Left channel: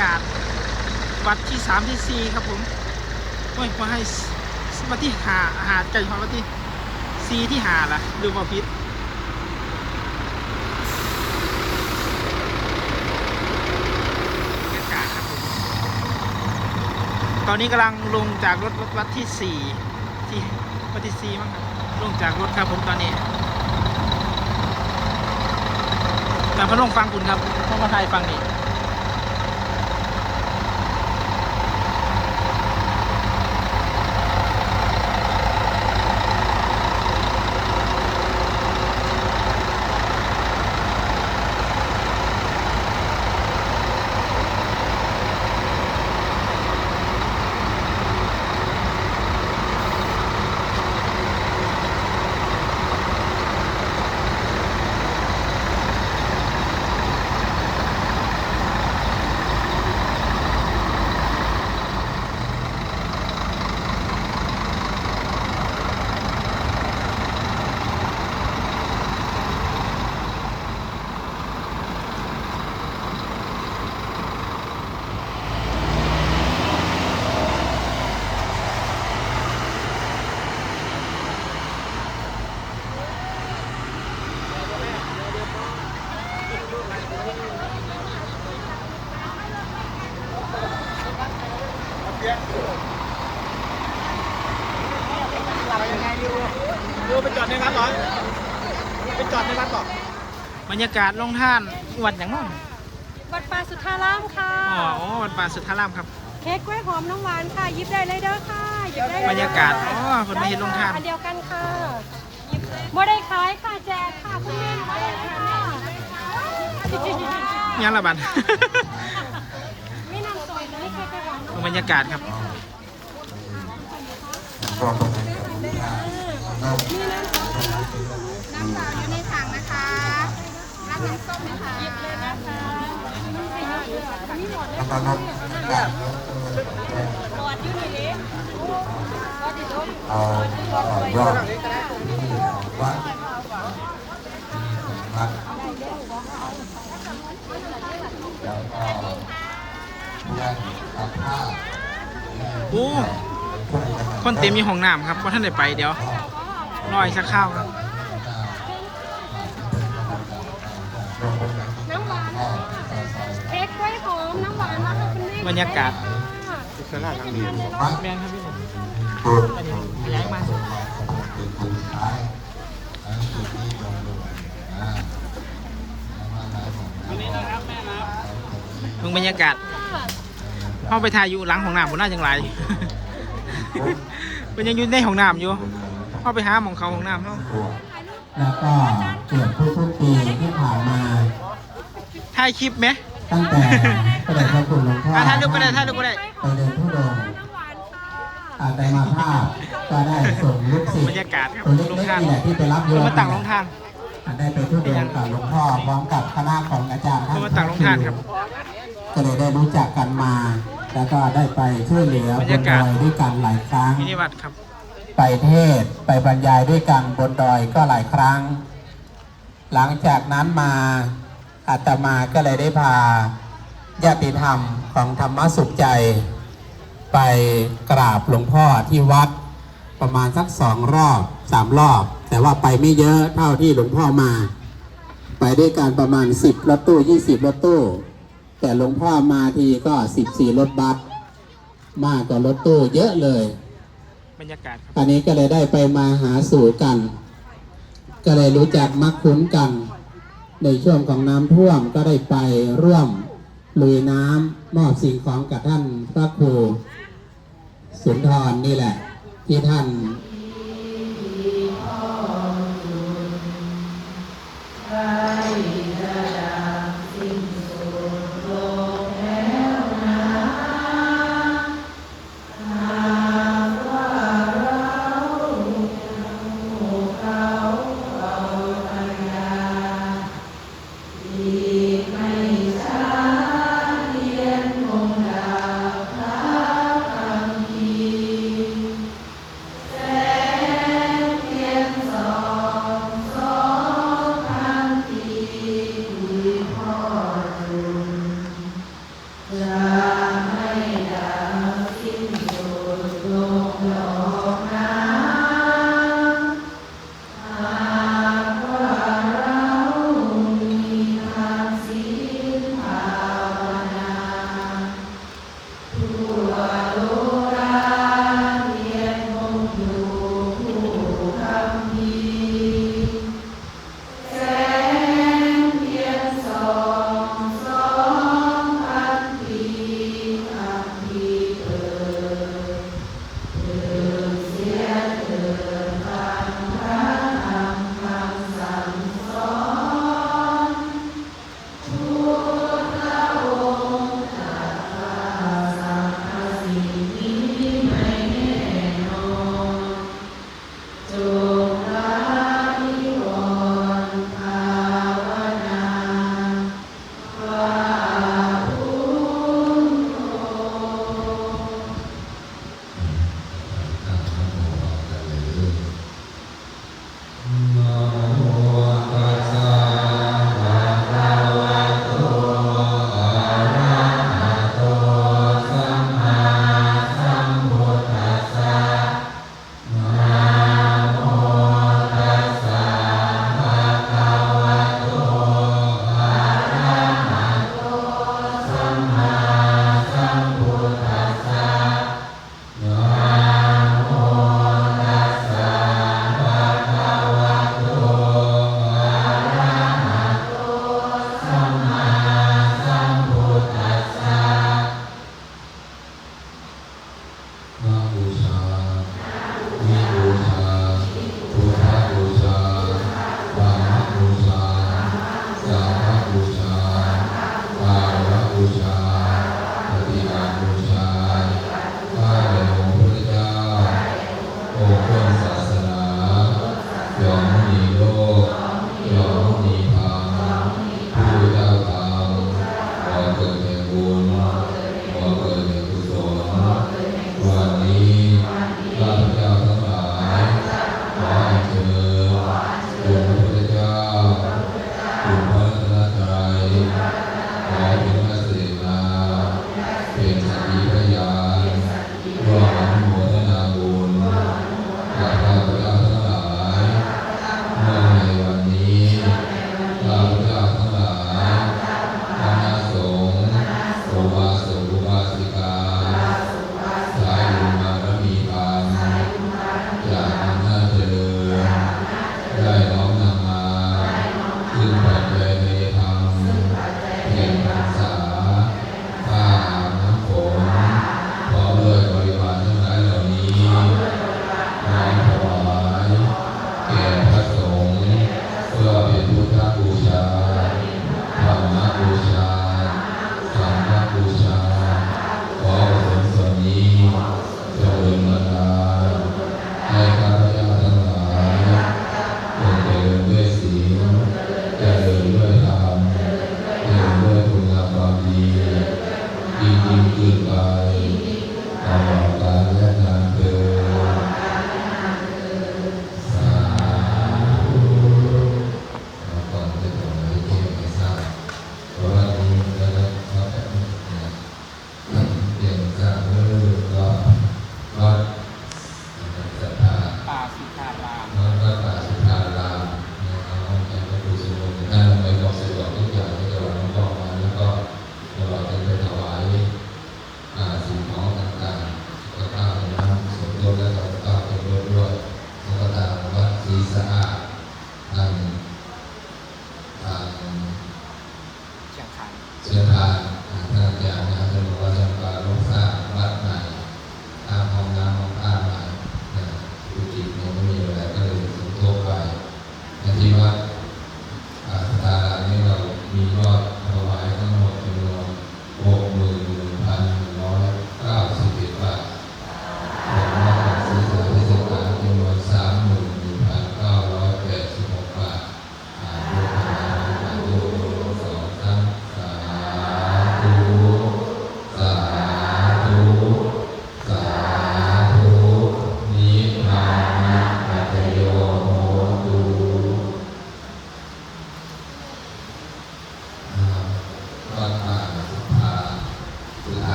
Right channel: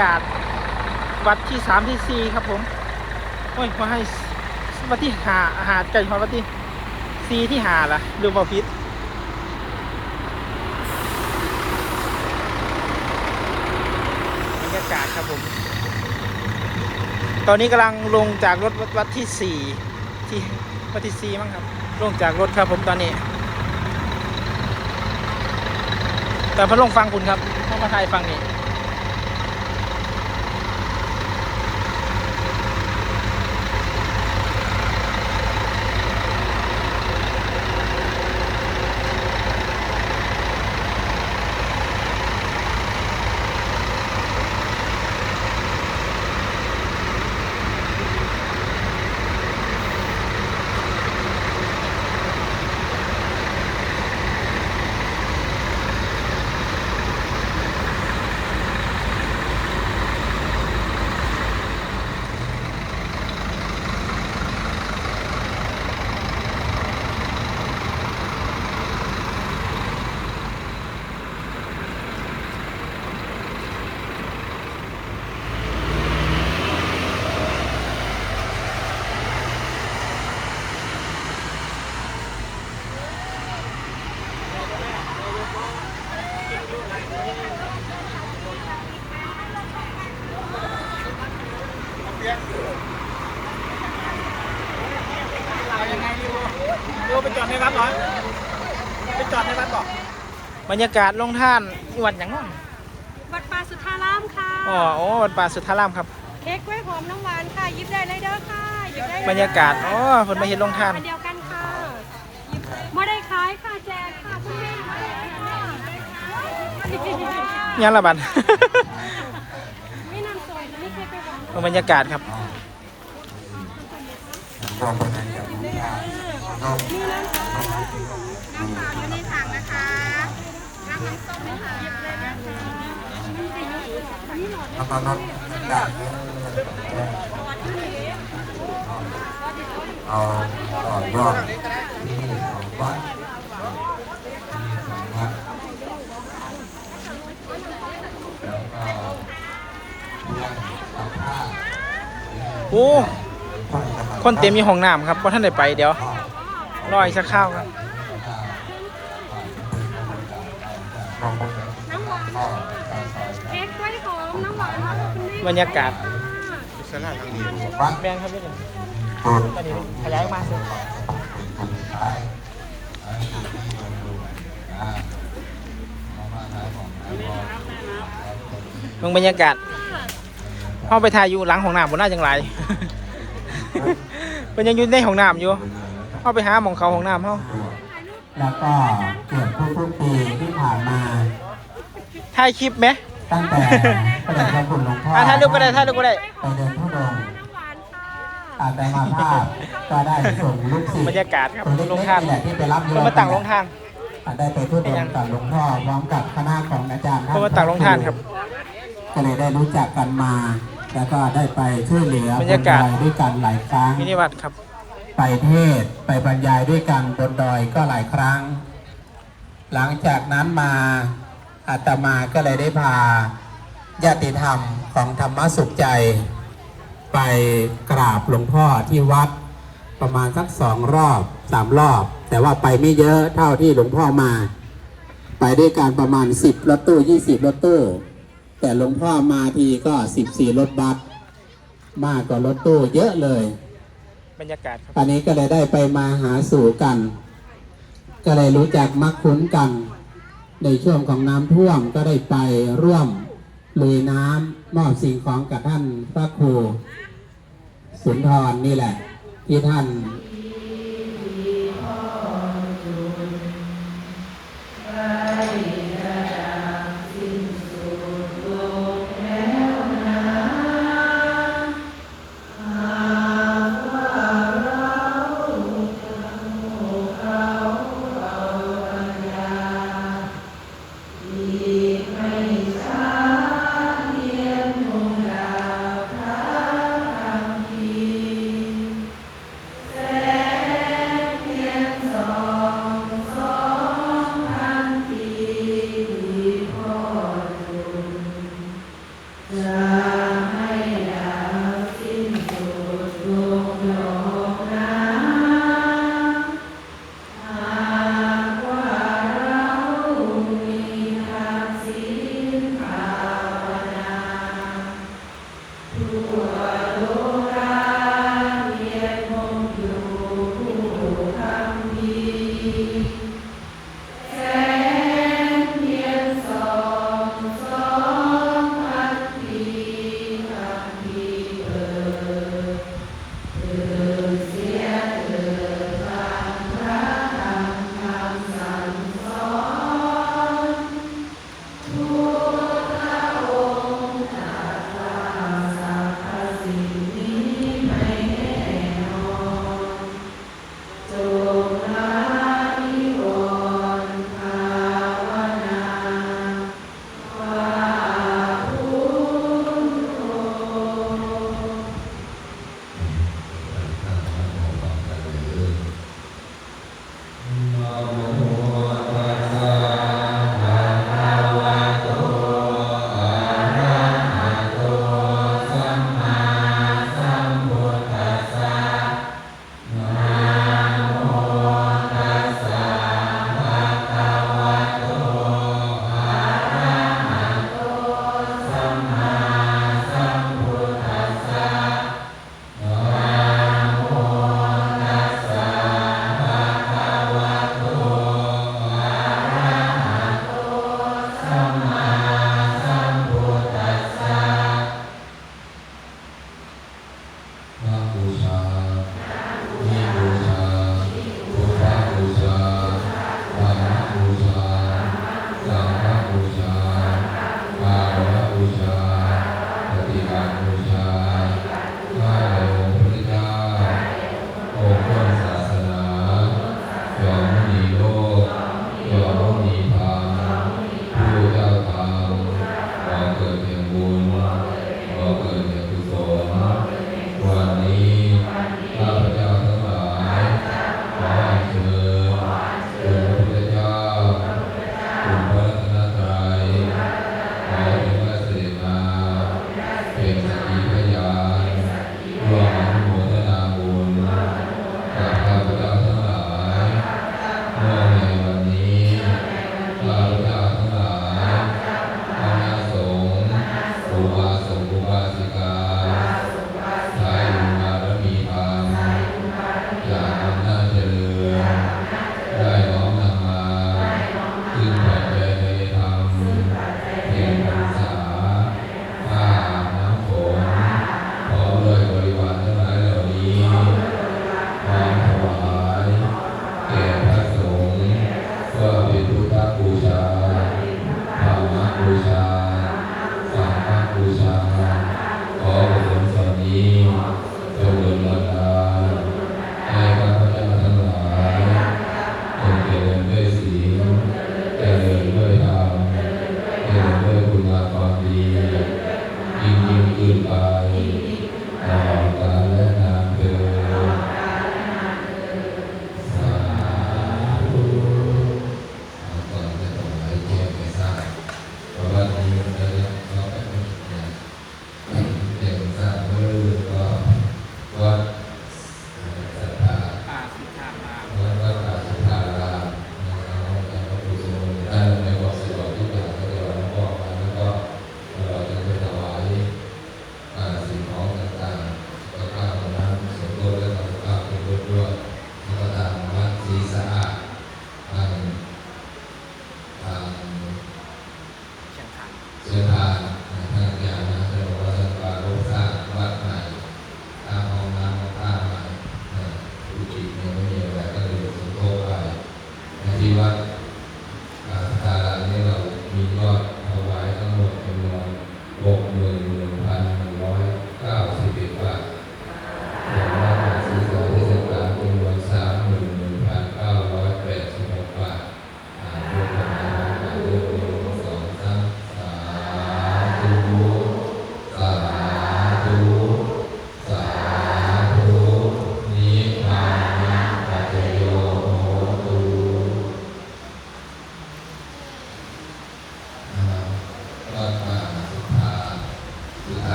กาศวัดที่สามที่สี่ครับผมโอ้ยพอให้วัดที่หาหาใจพอวัดที่สี่ที่หาล่ะดูบอพิษบรรยากาศครับผม ตอนนี้กำลังลงจากรถวัดวัดที่สี่ที่วัดที่สี่มั้งครับ ลงจากรถครับผมตอนนี้ แต่พัดลงฟังคุณครับต้อมาถ่ายฟังนี่ บรรยากาศลงท่านวัดอย่างน้อยวัดป่าสุทธารามค่ะอ๋อโอ้วัดป่าสุทธารามครับเค้กกล้วยหอมน้องหวานค่ะหยิบได้เลยเด้อค่ะหยิบได้เลยบรรยากาศอ๋อคนมาเห็นลงท่านอันเดียวกันค่ะไม่ได้ขายค่ะแจกค่ะคุณแม่มาเลยค่ะยังละบันไม่นำส่งนี่เค้กกล้วยหอมน้องบรรยากาศครับ ยอดที่ของวัดมีของรักแล้วก็ยังตัดผ้าโอ้คนเต็มมีห้องน้ำครับเพราะท่านได้ไปเดี๋ยวรอยข้าวครับ บรรยากาศแบงครับพี่หนึ่งอันนี้ขยายมาสิมืองบรรยากาศเข้าไปถ่ายอยู่หลังห้องน้ำบนหน้าจังไรเป็นยังอยู่ในห้องน้ำอยู่เข้าไปหาหมองเขาห้องน้ำเขาแล้วก็เกือบทุกๆปีที่ผ่านมาถ่ายคลิปไหม ตั้งแต่พระเดชพระคุณหลวงพ่ออะถ่ายรูปก็ได้ถ่ายรูปก็ได้ไปเดินทุดงค์น้ำหวานค่ะอาจจะมาภาพก็ได้ส่งลูกศิษย์บรรยากาศครับคนเล็กๆลงทานอยากที่ไปรับเพื่อมาตั้งลงทานได้ไปทุดงค์กับหลวงพ่อพร้อมกับคณะของอาจารย์ท่านเพื่อมาตั้งลงทานครับก็เลยได้รู้จักกันมา แล้วก็ได้ไปช่วยเหลือบรรยากาศบนดอยด้วยกันหลายครั้ง มินิวัดครับ ไปเทศน์ไปบรรยายด้วยกันบนดอยก็หลายครั้ง หลังจากนั้นมา อาตมาก็เลยได้พาญาติธรรมของธรรมสุขใจ ไปกราบหลวงพ่อที่วัดประมาณสักสองรอบสามรอบ แต่ว่าไปไม่เยอะเท่าที่หลวงพ่อมา ไปด้วยกันประมาณสิบรถตู้ยี่สิบรถตู้ แต่หลวงพ่อมาทีก็สิบสี่รถบัสมากกว่ารถตู้เยอะเลย บรรยากาศครับอันนี้ก็เลยได้ไปมาหาสู่กัน ก็เลยรู้จักมักคุ้นกัน ในช่วงของน้ำท่วมก็ได้ไปร่วมลุยน้ำมอบสิ่งของกับท่านพระครูสุนทรนี่แหละที่ท่าน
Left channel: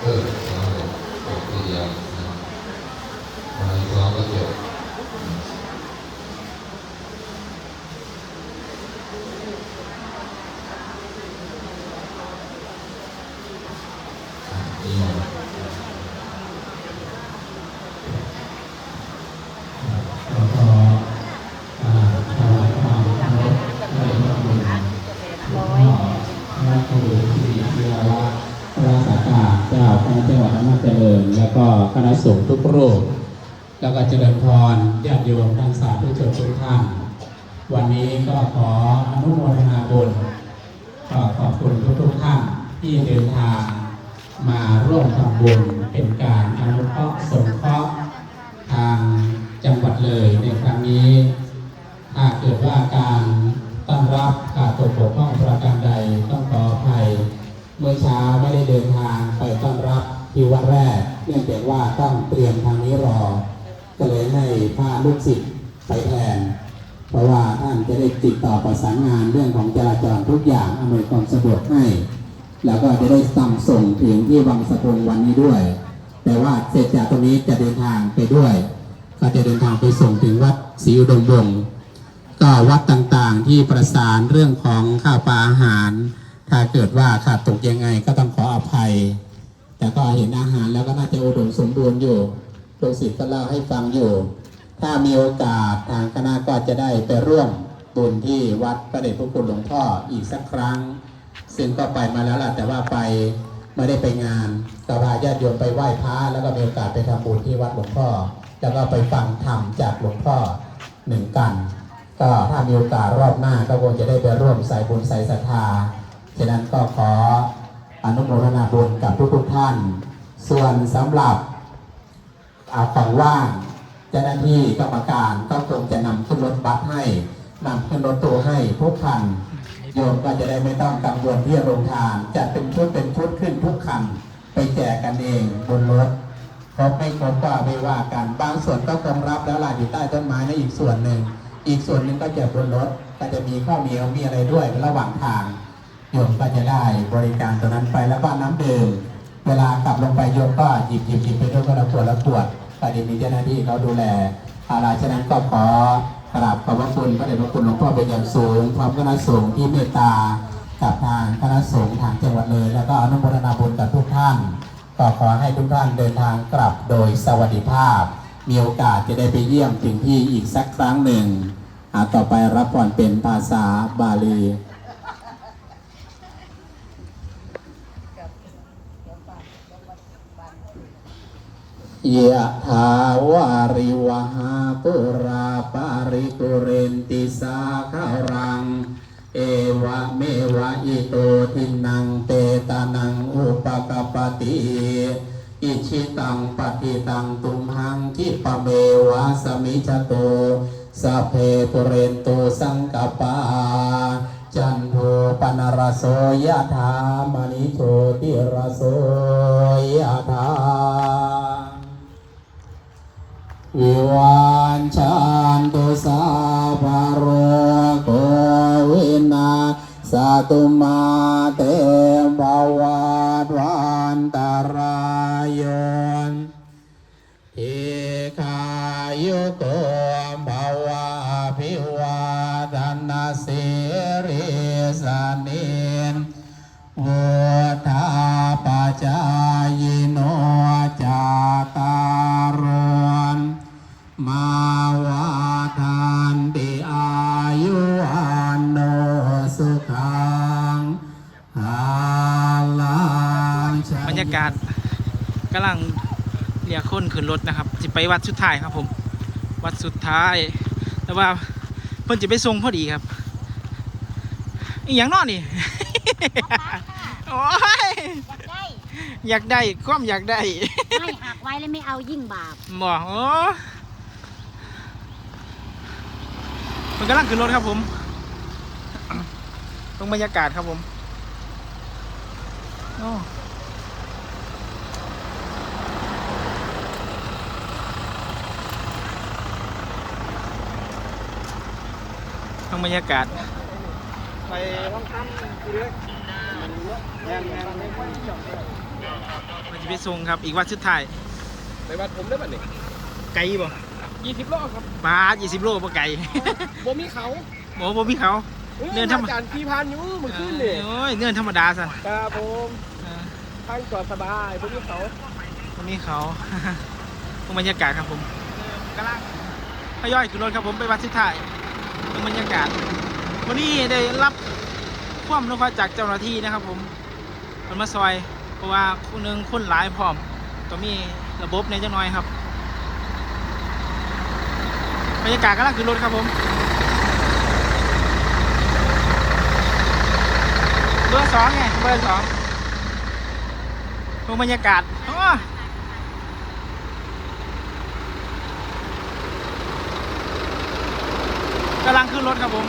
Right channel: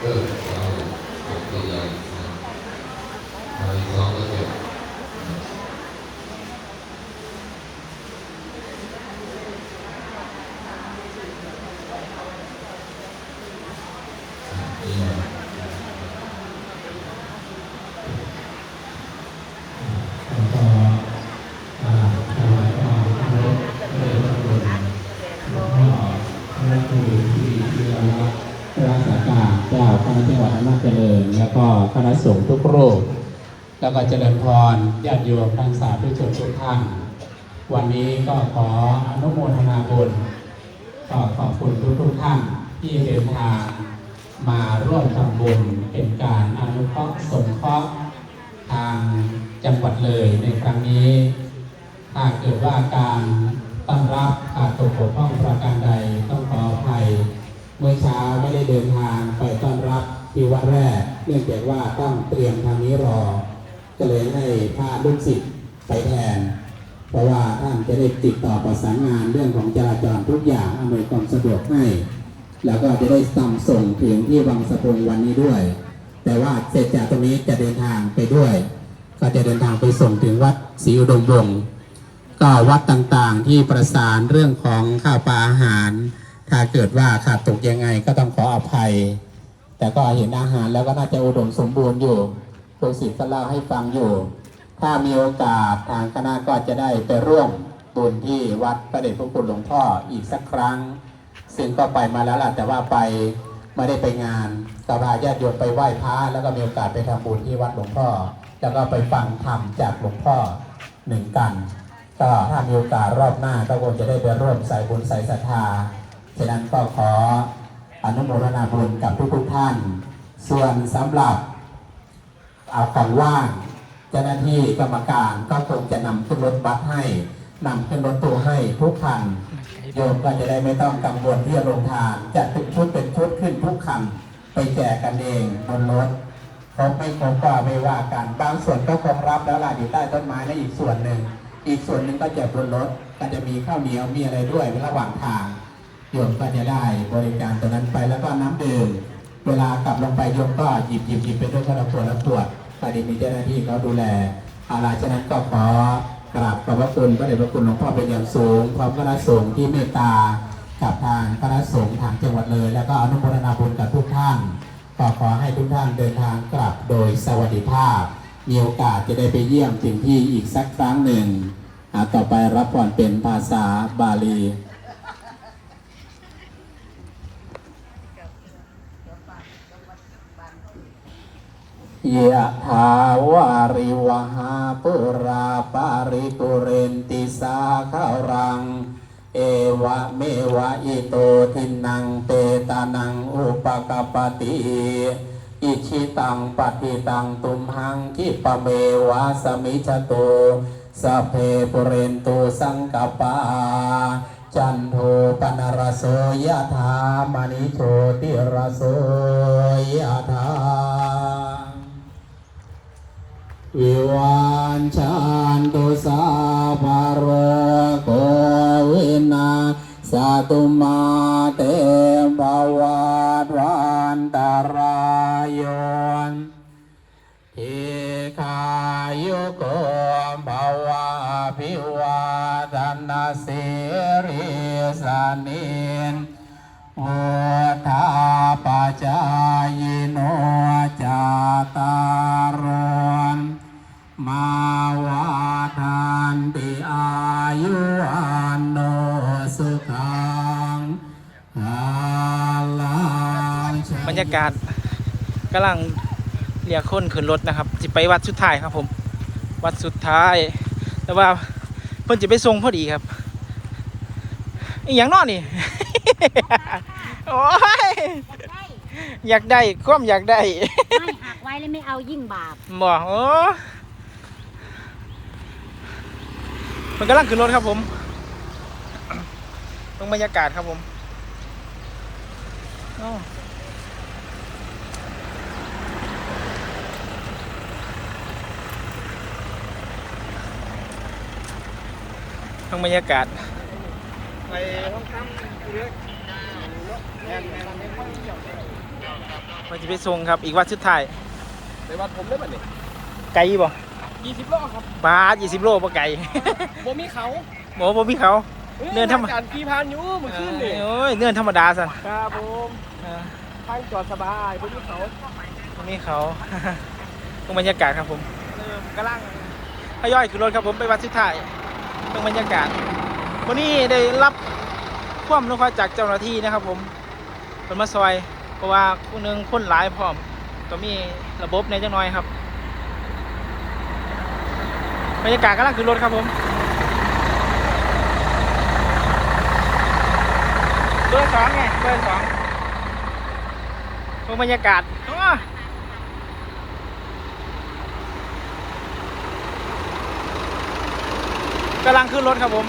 เญาติโยมทั้งสาธุชนทุกท่านวันนี้ก็ขออนุโมทนาบุญก็ขอบคุณทุกทุกท่านที่เดินทางมาร่วมทำบุญเป็นการอนุเคราะห์สงเคราะห์ทางจังหวัดเลยในครั้งนี้ถ้าเกิดว่าการต้อนรับขาดตกบกพร่องประการใดต้องขออภัยเมื่อเช้าไม่ได้เดินทางไปต้อนรับที่วัดแรก เนื่องจากว่าต้องเตรียมทางนี้รอ ก็เลยให้พาลูกศิษย์ไปแทน เพราะว่าท่านจะได้ติดต่อประสานงานเรื่องของจราจรทุกอย่างอำนวยความสะดวกให้ แล้วก็จะได้นำส่งถึงที่วังสะพงวันนี้ด้วย แต่ว่าเสร็จจากตรงนี้จะเดินทางไปด้วย ก็จะเดินทางไปส่งถึงวัดศรีอุดมวงศ์ก็วัดต่างๆที่ประสานเรื่องของข้าวปลาอาหาร ถ้าเกิดว่าขาดตกยังไงก็ต้องขออภัย แต่ก็เห็นอาหารแล้วก็น่าจะอุดมสมบูรณ์อยู่ ลูกศิษย์ก็เล่าให้ฟังอยู่ ถ้ามีโอกาสทางคณะก็จะได้ไปร่วมบุญที่วัดพระเดชพระคุณหลวงพ่ออีกสักครั้ง ซึ่งก็ไปมาแล้วล่ะแต่ว่าไปไม่ได้ไปงานก็พาญาติโยมไปไหว้พระแล้วก็มีโอกาสไปทำบุญที่วัดหลวงพ่อ แล้วก็ไปฟังธรรมจากหลวงพ่อหนึ่งกัน ก็ถ้ามีโอกาสรอบหน้าก็คงจะได้ไปร่วมใส่บุญใส่ศรัทธาฉะนั้นก็ขออนุโมทนาบุญกับทุกๆท่าน ส่วนสำหรับ เอาของว่างเจ้าหน้าที่กรรมการก็คงจะนำขึ้นรถบัสให้นำขึ้นรถตู้ให้ทุกคันโยมก็จะได้ไม่ต้องกังวลที่จะลงทานจะเป็นชุดเป็นชุดขึ้นทุกคันไปแจกกันเองบนรถครบไม่ครบก็ไม่ว่ากัน บางส่วนก็คงรับแล้วล่ะอยู่ใต้ต้นไม้ในอีกส่วนหนึ่ง อีกส่วนหนึ่งก็แจกบนรถก็จะมีข้าวเหนียวมีอะไรด้วยระหว่างทางโยมก็จะได้บริการตรงนั้นไปแล้วก็น้ำดื่มเวลากลับลงไปโยมก็หยิบหยิบหยิบไปทุกคนละขวดละขวด ก็ดีมีเจ้าหน้าที่เขาดูแลอะไรฉะนั้นก็ขอกราบขอบพระคุณพระเดชพระคุณหลวงพ่อเป็นอย่างสูงพร้อมคณะสงฆ์ที่เมตตากับทางคณะสงฆ์ทางจังหวัดเลย แล้วก็อนุโมทนาบุญกับทุกท่านก็ขอให้ทุกท่านเดินทางกลับโดยสวัสดิภาพ มีโอกาสจะได้ไปเยี่ยมถึงที่อีกสักครั้งหนึ่งอาต่อไปรับผ่อนเป็นภาษาบาลี ยะถาวาริวหาปุราปาริปุเรนติสาคารัง เอวะเมวะอิโตทินังเตตานังอุปกปติอิชิตังปฏิตังตุมหังคิปะเมวะสมิจโตสัพเพปุเรนตุสังกปาจันโทปนรสโสยะถามณิโชติรสโส ชานตุสาภโรโควินาสตุมา บรรยากาศกำลังเรียกคนขึ้นรถนะครับจะไปวัดสุดท้ายครับผม วัดสุดท้าย แต่ว่าเพิ่นจะไปส่งพอดีครับอหย่างนอนนี่ โอ้ยได้อยากได้ความอยากได้ไม่หักไว้แล้วไม่เอายิ่งบาปบอกโอ้มันกำลังขึ้นรถครับผมตรงบรรยากาศครับผมโอ้ ตรงบรรยากาศมันจะไปส่งครับอีกวัดสุดท้ายในวัดผมได้ป่ะนี่ไกลบ่ยี่สิบโลครับบาทยี่สิบโลบ่ไกลบ่มีเขาหมอบ่มีเขาเนินธรรมการขี่พานอยู่มือเอขึ้นอนี่โอ้ยเนื่อนธรรมดาสันครับผมเออทางจอดสบายบ่มีเขาตรงนี้เขาตรงบรรยากาศครับผมเริ่มกำลังทยอยขึ้นรถครับผมไปวัดสุดท้าย ตรงบรรยากาศ วันนี้ได้รับความนุเคราะห์จากเจ้าหน้าที่นะครับ ผมคนมาซอย เพราะว่าคนหนึงคนหลายพร้อมต้องมีระบบในจังน้อยครับบรรยากาศกำลังขึ้นรถครับผมเบอร์สองไงเบอร์สองดูบรรยากาศโอ้ กำลังขึ้นรถครับผม